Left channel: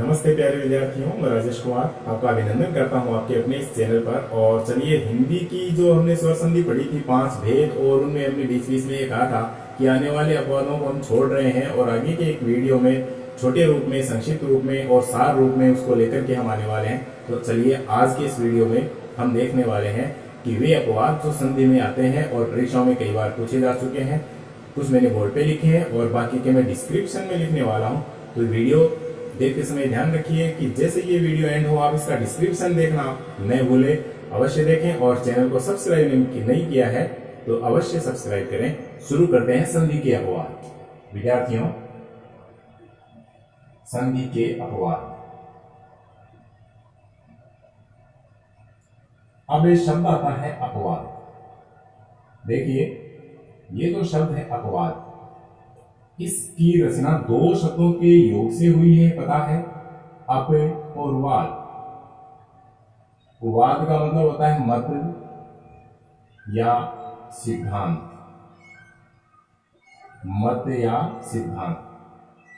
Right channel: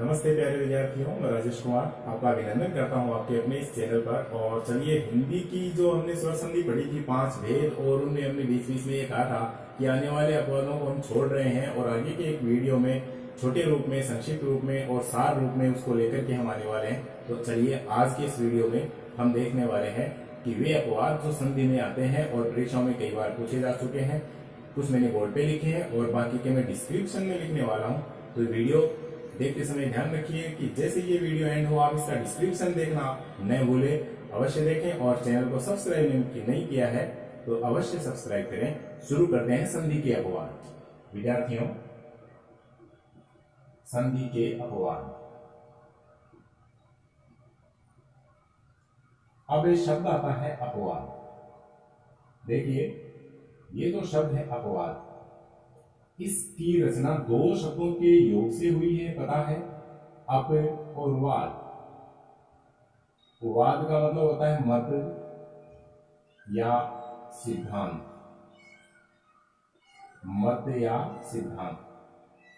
नमस्ते प्यारे विद्यार्थियों, मैं राजेश कुमार आपका अभिनंदन करता हूं आपके अपने इस चैनल पर। और चलिए, हिंदी की जो हमने स्वर संधि पढ़ी थी 5 भेद, और उनमें हमने बीच बीच में ये कहा था कि आने वाले अपवादों को हम छोड़ रहे हैं और आगे के एक वीडियो में छोटे रूप में, संक्षिप्त रूप में और सार रूप में उसको लेकर के हम आने वाले हैं। तो चलिए, आज के इस वीडियो में हम देखने वाले हैं कि वे अपवाद जो संधि में आते हैं और परीक्षाओं में कई बार पूछे जा चुके हैं। कुछ मैंने बोर्ड पे लिखे हैं और बाकी के मैं डिस्क्रिप्शन में लिखने वाला हूँ। तो वीडियो देखते समय ध्यान रखिए कि जैसे ये वीडियो एंड हो आप इसका डिस्क्रिप्शन देखना न भूले, अवश्य देखें। और चैनल को सब्सक्राइब नहीं किया है तो अवश्य सब्सक्राइब करें। शुरू करते हैं संधि के अपवाद। विद्यार्थियों, संधि के अपवाद। अब ये शब्द आता है अपवाद। देखिए, ये जो शब्द है अपवाद, इसकी रचना दो शब्दों के योग से हुई है, पता है, अप और वाद। वाद का मतलब होता है मत या सिद्धांत, मत या सिद्धांत।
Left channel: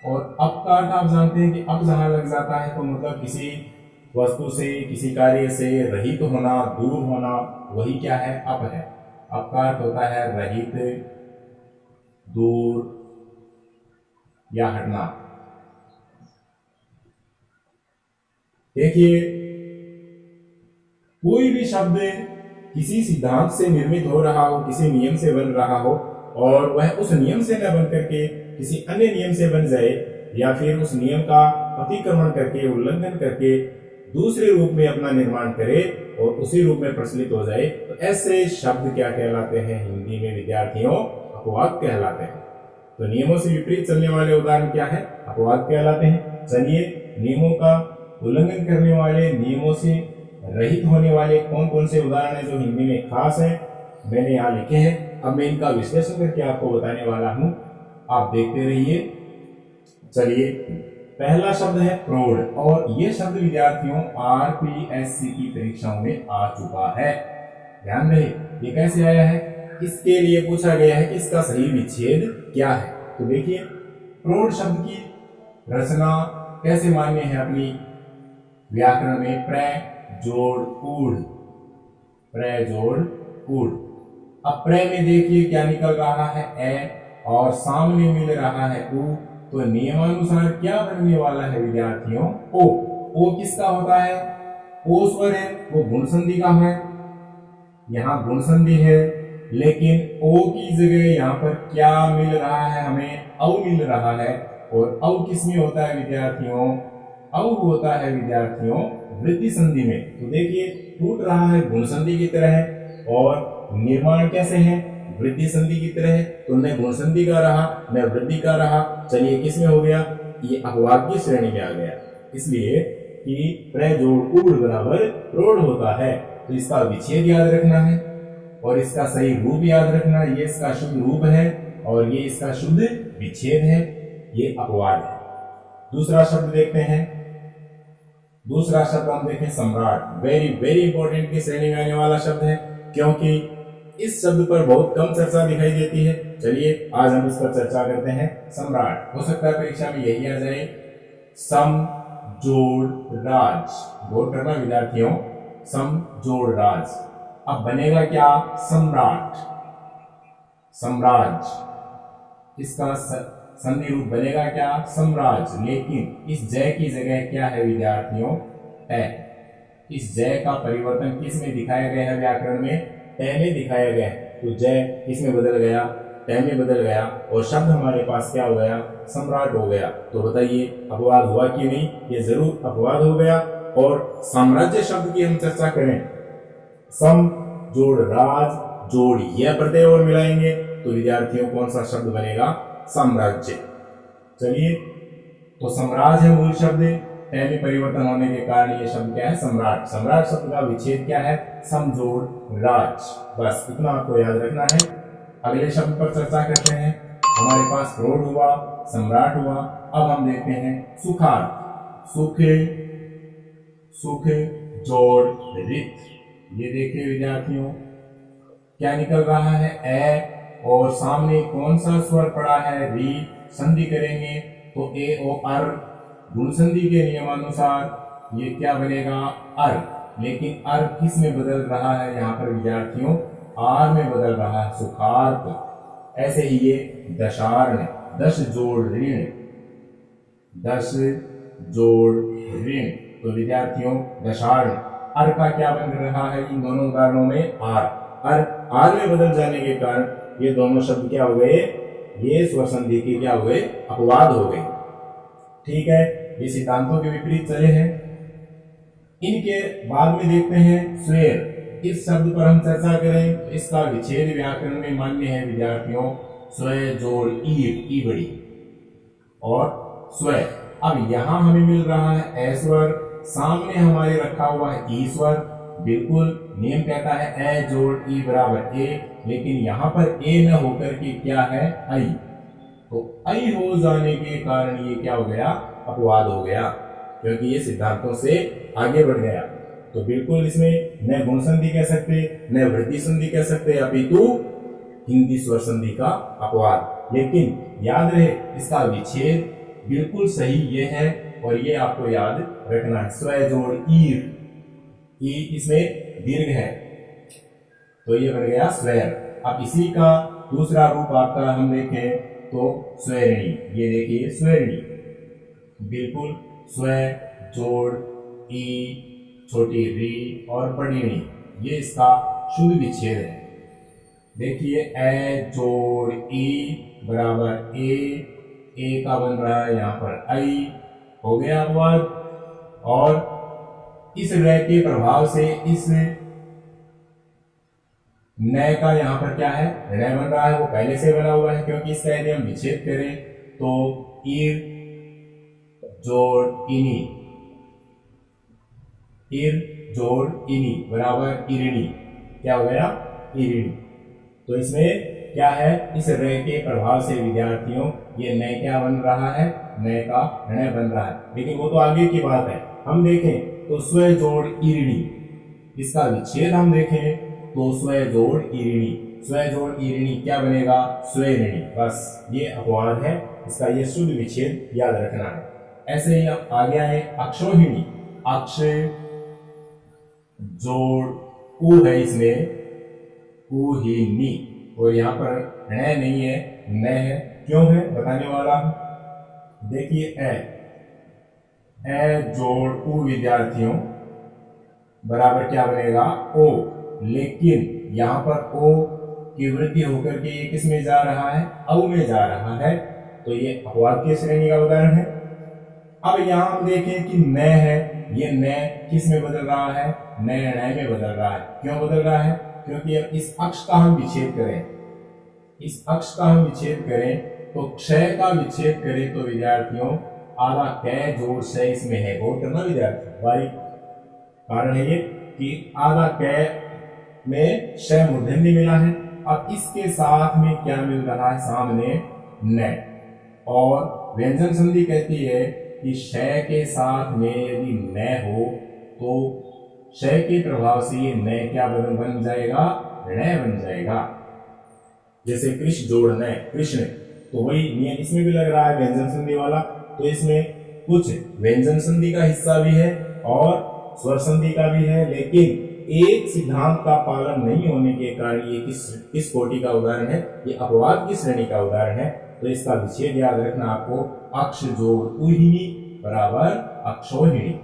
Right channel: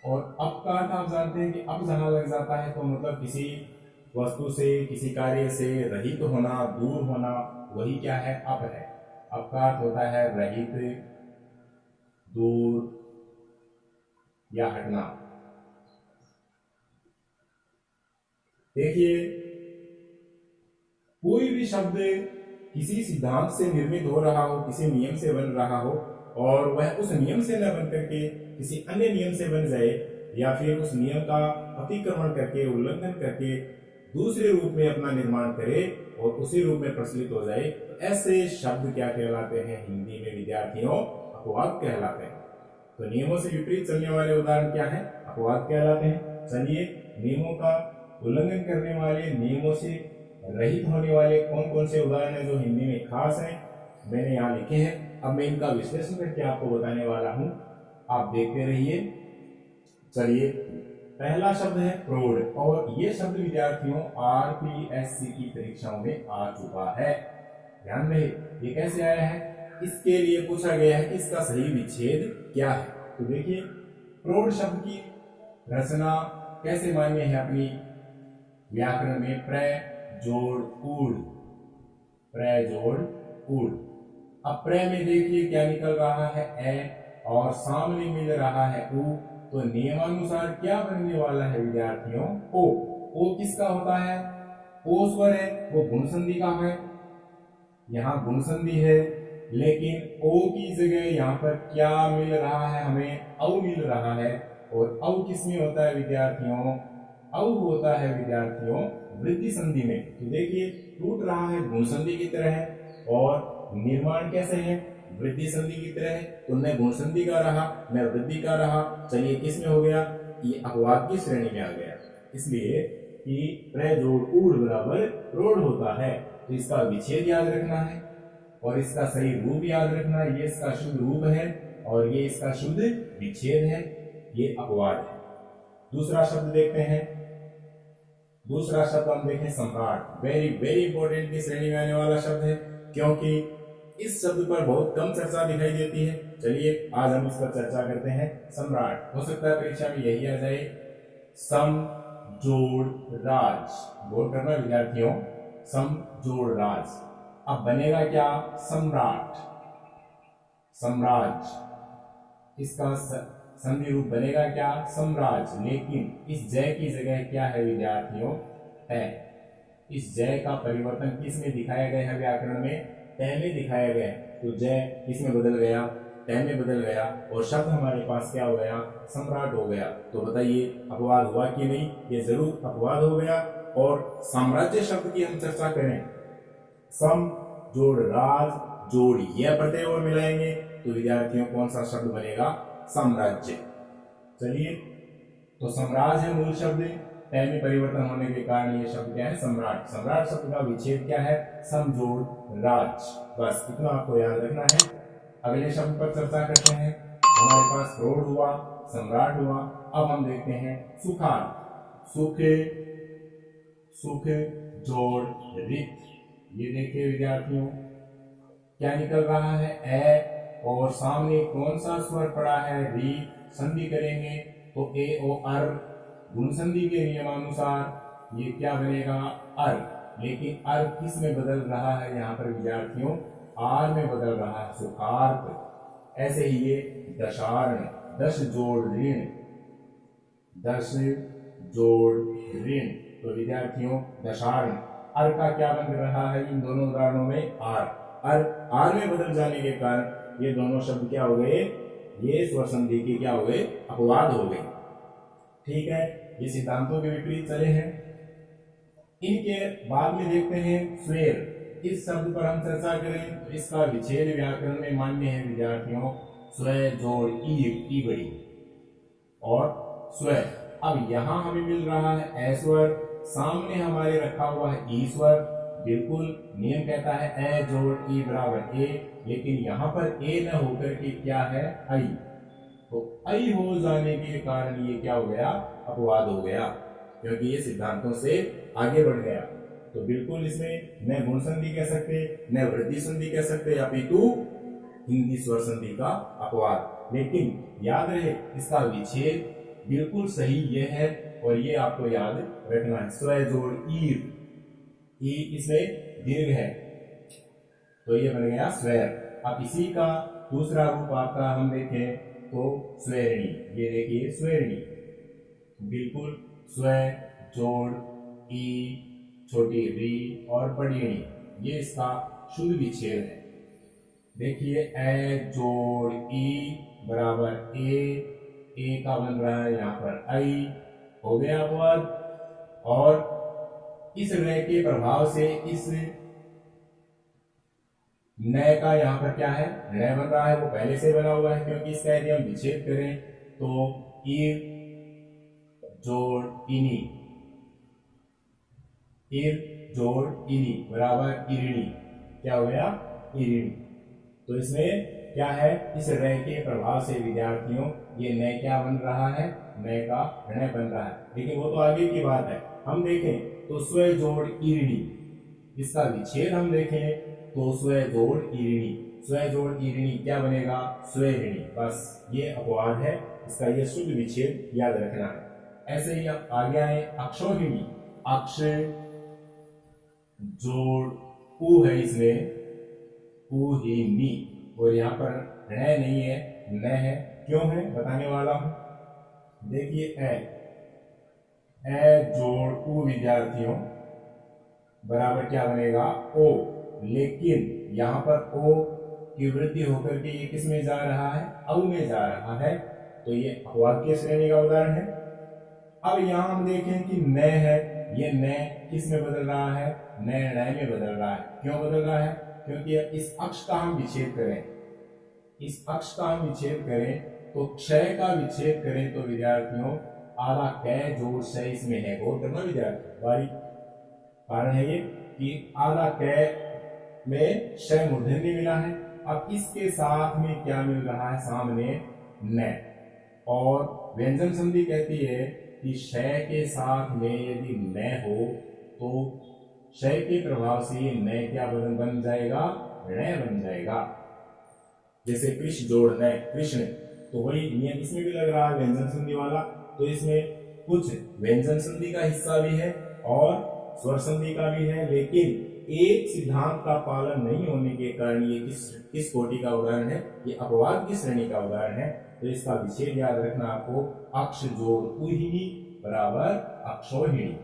और अप का अर्थ आप जानते हैं कि अप जहां लग जाता है तो मतलब किसी वस्तु से, किसी कार्य से रहित होना, दूर होना, वही क्या है, अप है। अप का अर्थ होता है रहित, दूर या हटना। देखिए, कोई भी शब्द किसी सिद्धांत से निर्मित हो रहा हो, किसी नियम से बन रहा हो, और वह उस नियम से न बन करके किसी अन्य नियम से बन जाए, या फिर उस नियम का अतिक्रमण करके, उल्लंघन करके दूसरे रूप में अपना निर्माण करे और उसी रूप में प्रचलित हो जाए, तो ऐसे शब्द क्या कहलाते हैं हिंदी में विद्यार्थियों? अपवाद कहलाते हैं। तो नियमों से विपरीत चलने वाले उदाहरण क्या है? अपवाद कहलाते हैं। चलिए, नियमों का उल्लंघन करने वाले, नियमों से रहित होने वाले कौन कौन से उदाहरण हैं जो हिंदी में खास हैं, मैंने यहाँ लिखे हैं। अब मैं इनका विश्लेषण करके आपको बताने वाला हूं, आप देखते रहिए। चलिए, पहला शब्द है प्रौढ़, और यह शब्द विद्यार्थियों आरपीएससी की परीक्षाओं में आ चुका है। ध्यान रहे, ये कैसे आया है? इसके लिए पूछा गया है कि इसका सही विच्छेद क्या है। तो देखिए, प्रौढ़ शब्द की रचना कैसे मान्य है अपनी व्याकरण में? प्र जोड़ ऊढ़, प्र जोड़ ऊढ़। अब प्र में देखिए क्या निकल रहा है, ए, और सामने मिल रहा है उ, तो नियमानुसार क्या बनने वाला है विद्यार्थियों? ओ। ओ किसका होता है? ओ स्वर है, वो गुण संधि का है। यहां गुण संधि है, लेकिन ओ की जगह यहां पर क्या मिल रहा है हमें? औ मिल रहा है। और औ किसमें होता है विद्यार्थियों? औ होता है विद्यार्थियों वृद्धि संधि में। तो देखिए, टूट रहा है गुण संधि की तरह है, और निर्माण कैसे है? वृद्धि संधि की तरह है। तो न गुण संधि का रहा, न वृद्धि का रहा। चलिए, किसमें हो गया? ये अपवाद की श्रेणी में आ गया। इसलिए कि प्र जोड़ ऊढ़ बराबर प्रौढ़ होता है। तो इसका विच्छेद याद रखना है और इसका सही रूप याद रखना। ये इसका शुद्ध रूप है और ये इसका शुद्ध विच्छेद है। ये अपवाद है। दूसरा शब्द देखते हैं। दूसरा शब्द हम देखें सम्राट। वेरी वेरी इंपॉर्टेंट की श्रेणी में आने वाला शब्द है, क्योंकि इस शब्द पर बहुत कम चर्चा दिखाई देती है। चलिए, आज हम इस पर चर्चा करते हैं। सम्राट, हो सकता है परीक्षा में यही आ जाए। सम जोड़ राज, गौर करना विद्यार्थियों, सम जोड़ राज। अब बनेगा क्या? सम्राट, सम्राज। इसका संधि रूप बनेगा क्या? सम्राज। लेकिन इस जय की जगह क्या है विद्यार्थियों? ट। इस जय का परिवर्तन किस में दिखाया गया है व्याकरण में? ट में दिखाया गया है। तो जय किस में बदल गया? ट में बदल गया, और शब्द हमारे पास क्या हो गया? सम्राट हो गया। तो बताइए, अपवाद हुआ कि नहीं? ये जरूर अपवाद हो गया। और साम्राज्य शब्द की हम चर्चा करें, सम जोड़ राज जोड़ यह प्रत्यय और मिलाएंगे तो विद्यार्थियों कौन सा शब्द बनेगा? साम्राज्य। चलिए, तो सम्राज है मूल शब्द, ट में परिवर्तन होने के कारण यह शब्द क्या है? सम्राट। सम्राट शब्द का विच्छेद क्या है? समजोड़ राज। बस इतना आपको याद रखना है। अगले शब्द पर चर्चा करते हैं। हमारे पास प्रौढ़ हुआ, सम्राट हुआ। अब हम देखते हैं सुखार। सुख, सुख जोड़ रित। ये देखिए विद्यार्थियों, क्या निकल रहा है? ए, और सामने कौन सा स्वर पड़ा है? री। संधि करेंगे तो ए ओ अर गुण संधि के नियमानुसार ये क्या बनेगा, अर। लेकिन अर किस में बदल रहा है यहाँ पर विद्यार्थियों, आर में बदल रहा है, सुखार्थ। ऐसे ही ये दशार्ण, दश जोड़ ऋण, दश जोड़ ऋण, तो विद्यार्थियों दशार्ण, अर का क्या बन रहा है इन दोनों उदाहरणों में, आर। आर में बदल जाने के कारण ये दोनों शब्द क्या हो गए, ये स्वर संधि के क्या हो गए, अपवाद हो गए। ठीक है, ये सिद्धांतों के विपरीत चले हैं। इनके बाद में देखते हैं स्वेर। इस शब्द पर हम चर्चा करें। इसका विच्छेद व्याकरण में मान्य है विद्यार्थियों, स्व जोड़ ई बड़ी और स्व। अब यहां हमें मिल रहा है ए स्वर, सामने हमारे रखा हुआ है ई स्वर। बिल्कुल नियम कहता है ए जोड़ ई बराबर ए, लेकिन यहां पर ए न होकर के क्या है, आई। तो आई हो जाने के कारण ये क्या हो गया, अपवाद हो गया, क्योंकि ये सिद्धांतों से आगे बढ़ गया। तो बिल्कुल इसमें न गुण संधि कह सकते, न वृद्धि संधि कह सकते, अपितु हिंदी स्वर संधि का अपवाद। लेकिन याद रहे इसका विच्छेद बिल्कुल सही ये है, और ये आपको याद रखना है, स्व जोड़ ईर, ई इसमें दीर्घ है, तो ये बन गया स्वर। अब इसी का दूसरा रूप आपका हम देखें तो स्वरिणी। ये देखिए स्वरिणी, बिल्कुल स्व जोड़ ई छोटी री और बड़ी णी, ये इसका शुद्ध विच्छेद है। देखिए ए जोड़ ई बराबर ए का बन रहा है यहाँ पर आई, हो गया अपवाद। और इस रे के प्रभाव से इस नए का यहाँ पर क्या है, ऋण बन रहा है, वो पहले से बना हुआ है, क्योंकि इसका यदि हम विच्छेद करें तो ईर जोड़ इनी, ईर जोड़ इनी बराबर इरिणी, क्या हो गया, इरिणी। तो इसमें क्या है, इस रे के प्रभाव से विद्यार्थियों ये नए क्या बन रहा है, नए का ऋण बन रहा है, लेकिन वो तो आगे की बात है। हम देखें तो स्व जोड़ इरिणी, इसका विच्छेद हम देखें तो स्व जोड़ इरिणी, स्व जोड़ इरिणी क्या बनेगा, स्वरिणी। बस ये अपवाद है, इसका ये शुद्ध विच्छेद याद रखना है। ऐसे ही अब आगे आए अक्षोहिणी, अक्ष जोड़ उ है इसमें, उहिनी, और यहाँ पर ण नहीं है, न है। क्यों है बताने वाला हूं। देखिए ए जोड़ उ विद्यार्थियों बराबर क्या बनेगा, ओ, लेकिन यहाँ पर ओ की वृद्धि होकर के ये किस में जा रहा है, औ में जा रहा है, तो ये अपवाद की श्रेणी का उदाहरण है। अब यहाँ हम देखें कि न है, ये न किस में बदल रहा है, न में बदल रहा है। क्यों बदल रहा है, क्योंकि अब इस अक्ष का हम विच्छेद करें, इस अक्ष का हम विच्छेद करें तो क्षय का विच्छेद करें तो विद्यार्थियों आधा कै जोड़ क्षय इसमें है, गौर करना विद्यार्थियों, भाई कारण है ये कि आधा कै में क्षय मूर्धन्य मिला है। अब इसके साथ में क्या मिल रहा है, सामने न, और व्यंजन संधि कहती है कि क्षय के साथ में यदि न हो तो क्षय के प्रभाव से ये न क्या बन जाएगा, ऋण बन जाएगा। जैसे कृष्ण जोड़ न कृष्ण, तो वही नियम इसमें भी लग रहा है व्यंजन संधि वाला। तो इसमें कुछ व्यंजन संधि का हिस्सा भी है और स्वर संधि का भी है, लेकिन एक सिद्धांत का पालन नहीं होने के कारण ये किस कोटि का उदाहरण है, ये अपवाद की श्रेणी का उदाहरण है। तो इसका विच्छेद याद रखना आपको, अक्ष जोड़ उहिनी बराबर अक्षोहिणी,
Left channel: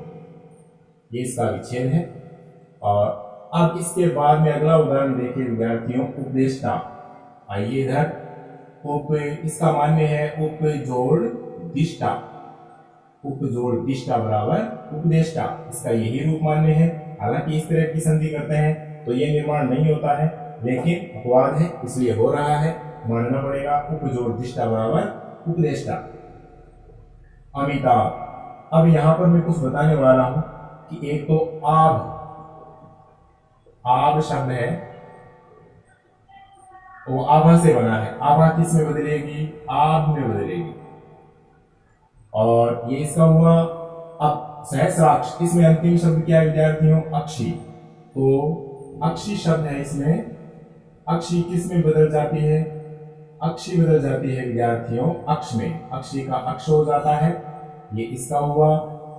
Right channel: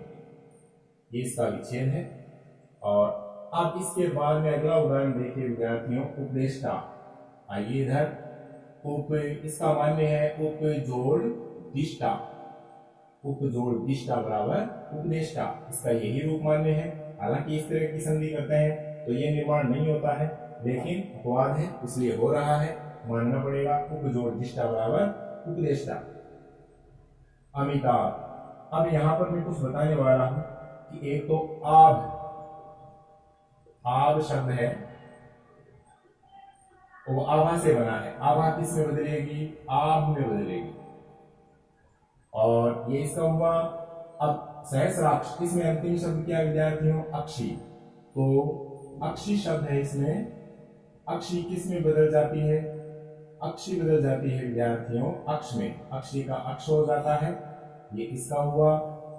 ये इसका विच्छेद है। और अब इसके बाद में अगला उदाहरण देखिए विद्यार्थियों, उपदेष्टा। आइए इधर, उप इसका मान्य है उप जोड़ दिष्टा, उप जोड़ दिष्टा बराबर उपदेष्टा, इसका यही रूप मान्य है। हालांकि इस तरह की संधि करते हैं तो ये निर्माण नहीं होता है, लेकिन अपवाद है इसलिए हो रहा है, मानना पड़ेगा। उप जोड़ दिष्टा बराबर उपदेष्टा। अमिताभ। अब यहां पर मैं कुछ बताने वाला हूं कि एक तो आब शब्द है, वो आभा से बना है, आभा किस में बदलेगी, आब में बदलेगी, और ये इसका हुआ। अब सहस्राक्ष, इसमें अंतिम शब्द क्या है विद्यार्थियों, अक्षी, तो अक्षी शब्द है, इसमें अक्षी किस में बदल जाती है, अक्षी बदल जाती है विद्यार्थियों अक्ष में, अक्षी का अक्ष हो जाता है। ये इसका हुआ,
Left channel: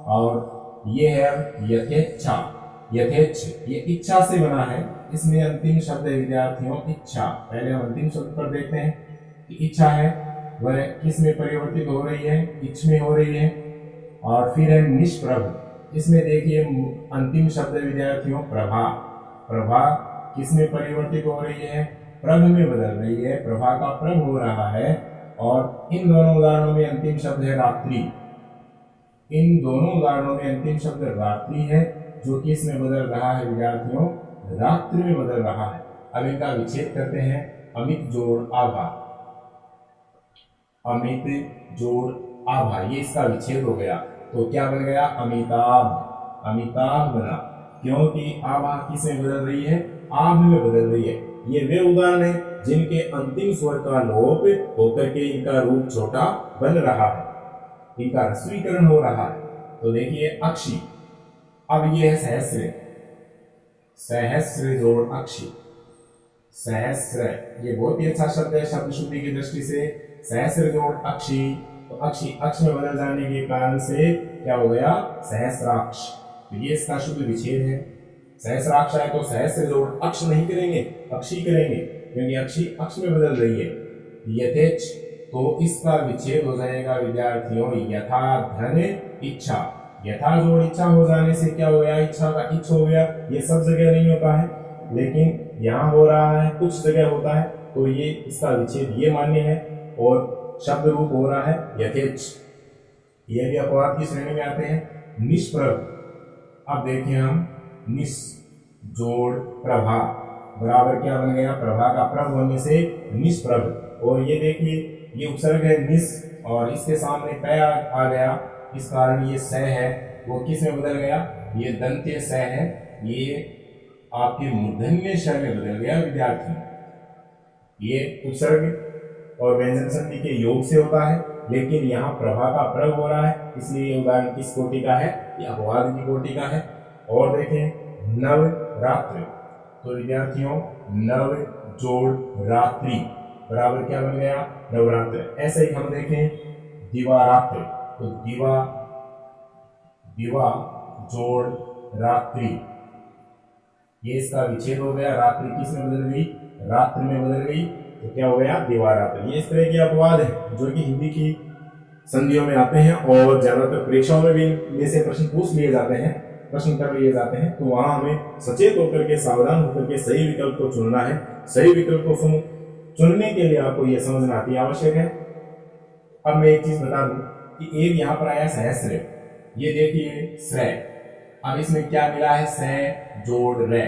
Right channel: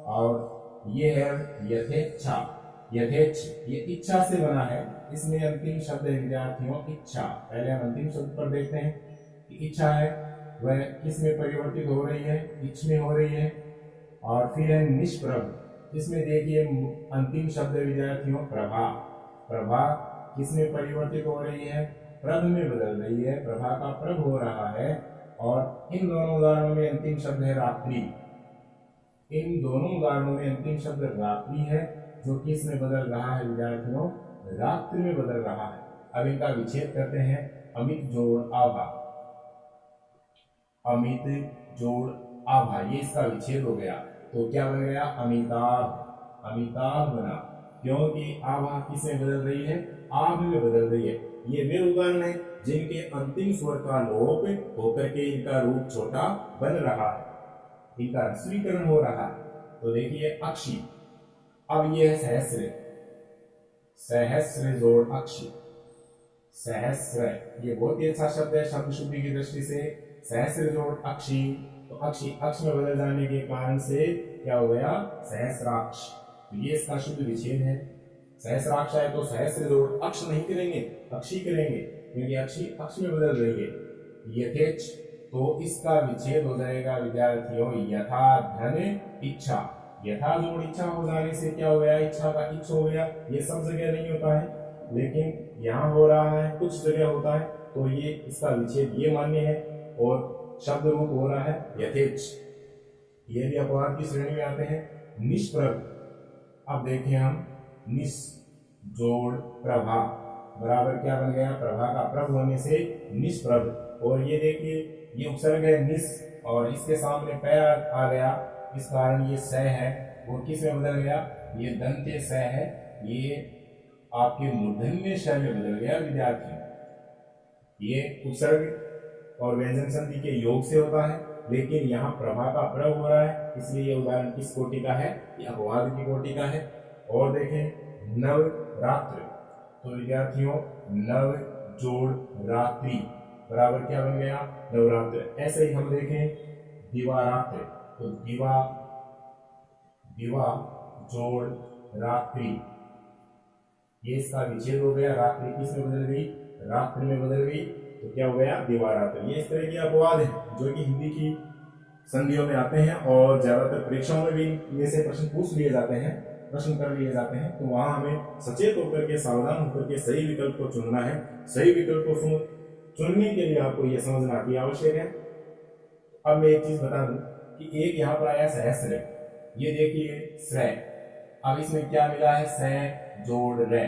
और ये है यथेच्छा। यथेच्छ ये इच्छा से बना है, इसमें अंतिम शब्द है विद्यार्थियों इच्छा। पहले हम अंतिम शब्द पर देखते हैं कि इच्छा है वह किस में परिवर्तित हो रही है, इच्छ में हो रही है। और फिर है निष्प्रभ, इसमें देखिए अंतिम शब्द विद्यार्थियों प्रभा। प्रभा किस में परिवर्तित हो रही है, प्रभ में बदल रही है, प्रभा का प्रभ हो रहा है। और इन दोनों उदाहरणों में अंतिम शब्द है रात्रि। इन दोनों उदाहरणों में अंतिम शब्द रात्रि है, जो किस में बदल रहा है विद्यार्थियों, रात्रि में बदल रहा है। अब इनका विच्छेद करते हैं, अमित जोड़ आभा। अमित जोड़ आभा, ये इसका विच्छेद हो गया, तो क्या बन गया, अमिताभ। अमिताभ बना, क्योंकि आभा किस में बदल रही है, आभ में बदल रही है। ये वे उदाहरण है जिनके अंतिम स्वर का लोप होकर के इनका रूप छोटा बन रहा है, इनका ह्रस्वीकरण हो रहा है। तो देखिए अक्षी, अब ये है सहस्र। सहस्र जोड़ अक्षी। सहस्र ये बहुत ही अच्छा शब्द है शब्द शुद्धि की दृष्टि से। सहस्र जोड़ अक्षी, तो अक्षी अक्ष में बदल जाने के कारण से क्या हो गया, सहस्राक्ष। तो ये इसका शुद्ध विच्छेद है। सहस्राक्ष है तो सहस्र जोड़ अक्ष नहीं करेंगे, अक्षी करेंगे, क्योंकि अक्षी अक्ष में बदल रही है। यथेच्छ, तो इसका विच्छेद हो जाएगा विद्यार्थियों यथा धन इच्छा। यथा जोड़ इच्छा हो जाने से क्या हो गया, इच्छा का इच्छ हो गया। ये सब जगह नहीं होता है, लेकिन यहाँ हो रहा है, कुछ जगह होता है, तो ये इसका विच्छेद ये मान्य है। और शब्द रूप हो रहा है यथेच्छ। ये भी अपवाद की श्रेणी में आते हैं। निष्प्रभ, अब देखिए हम निस जोड़ प्रभा बराबर क्या बन गया, प्रभा का प्रभ होने से निष्प्रभ। और ये देखिए ये उपसर्ग है निस, और इसके सामने पै आ गया, इस कारण ये स है वो किस में बदल गया, ये दंत्य स है, ये आपके मूर्धन्य श में बदल गया विद्यार्थी। ये उपसर्ग और व्यंजन संधि के योग से होता है, लेकिन यहाँ प्रभा का प्रभ हो रहा है, इसलिए ये उदाहरण किस कोटि का है, ये अपवाद की कोटि का है। और देखें नवरात्र, तो विद्यार्थियों नव जोड़ रात्रि बराबर क्या बन गया, नवरात्र। ऐसे ही हम देखें दिवारात्र, तो दिवा जोड़ रात्रि, ये इसका विच्छेद हो गया, रात्रि किस में बदल गई, रात्रि में बदल गई, तो क्या हो गया दिवारात्र। ये इस तरह के अपवाद है जो कि हिंदी की संधियों में आते हैं, और ज्यादातर परीक्षाओं में भी इनमें से प्रश्न पूछ लिए जाते हैं, प्रश्न कर लिए जाते हैं। तो वहां हमें सचेत होकर के, सावधान होकर के सही विकल्प को चुनना है। सही विकल्प को चुनने के लिए आपको यह समझना अति आवश्यक है। अब मैं एक चीज बता दूं कि एक यहाँ पर आया सहस्र, ये देखिए श्रय, अब इसमें क्या मिला है, स जोड़ रे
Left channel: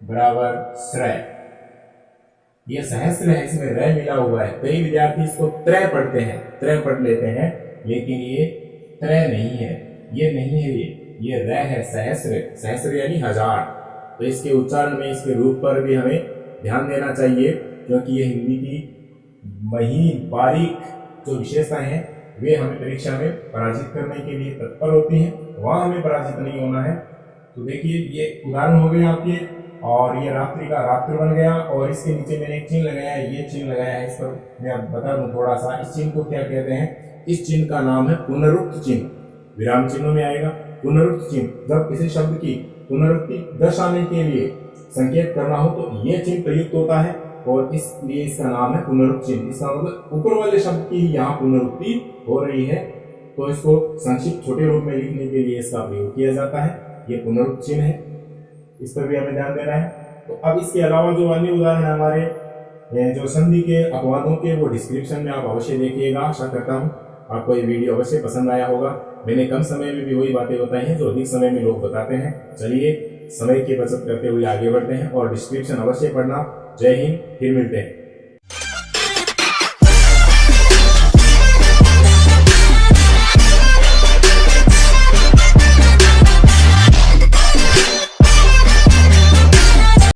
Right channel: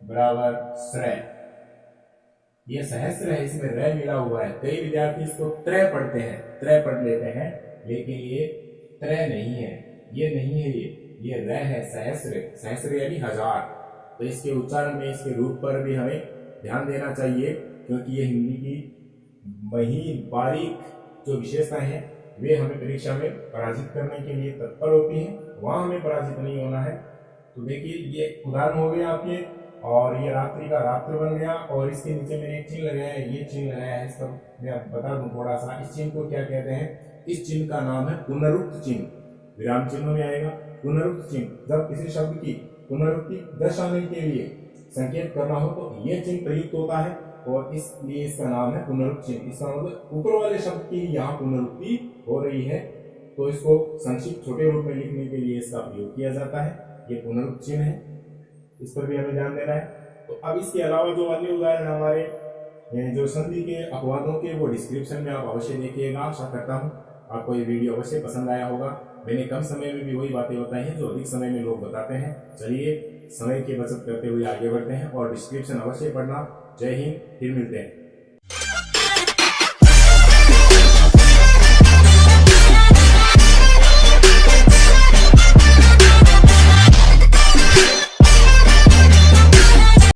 बराबर श्रय। ये सहस्र है, इसमें रे मिला हुआ है। कई विद्यार्थी इसको त्रय पढ़ते हैं, त्रय पढ़ लेते हैं, लेकिन ये त्रय नहीं है, ये नहीं है, ये रे है, सहस्र। सहस्र यानी हजार। तो इसके उच्चारण में, इसके रूप पर भी हमें ध्यान देना चाहिए, क्योंकि ये हिंदी की महीन बारीक जो विशेषताएं हैं वे हमें परीक्षा में पराजित करने के लिए तत्पर होती हैं, वहां हमें पराजित नहीं होना है। तो देखिए ये उदाहरण हो गए आपके, और ये रात्रि का रात्र बन गया, और इसके नीचे मैंने एक चिन्ह लगाया है, ये चिन्ह लगाया है, इस पर मैं बता दूं थोड़ा सा, इस चिन्ह को क्या कहते हैं, इस चिन्ह का नाम है पुनरुक्त चिन्ह। विराम चिन्हों में आएगा पुनरुक्त चिन्ह। जब किसी शब्द की पुनरुक्ति दर्शाने के लिए संकेत करना हो तो ये चिन्ह प्रयुक्त होता है, और इसलिए इसका नाम है पुनरुक्त चिन्ह। इसका मतलब ऊपर वाले शब्द की यहाँ पुनरुक्ति हो रही है, तो इसको संक्षिप्त छोटे रूप में लिखने के लिए इसका प्रयोग किया जाता है। ये पुनरुक्त चिन्ह है, इस पर भी हमें ध्यान देना है। तो अब इसके अलावा जो अन्य उदाहरण हमारे जो संधि के अपवादों के, वो डिस्क्रिप्शन में आप अवश्य देखिएगा। आशा करता हूँ आपको ये वीडियो अवश्य पसंद आया होगा। मैंने कम समय में भी वही बातें बताई हैं जो अधिक समय में लोग बताते हैं। चलिए समय की बचत करते हुए आगे बढ़ते हैं, और डिस्क्रिप्शन अवश्य पढ़ना। जय हिंद, फिर मिलते हैं।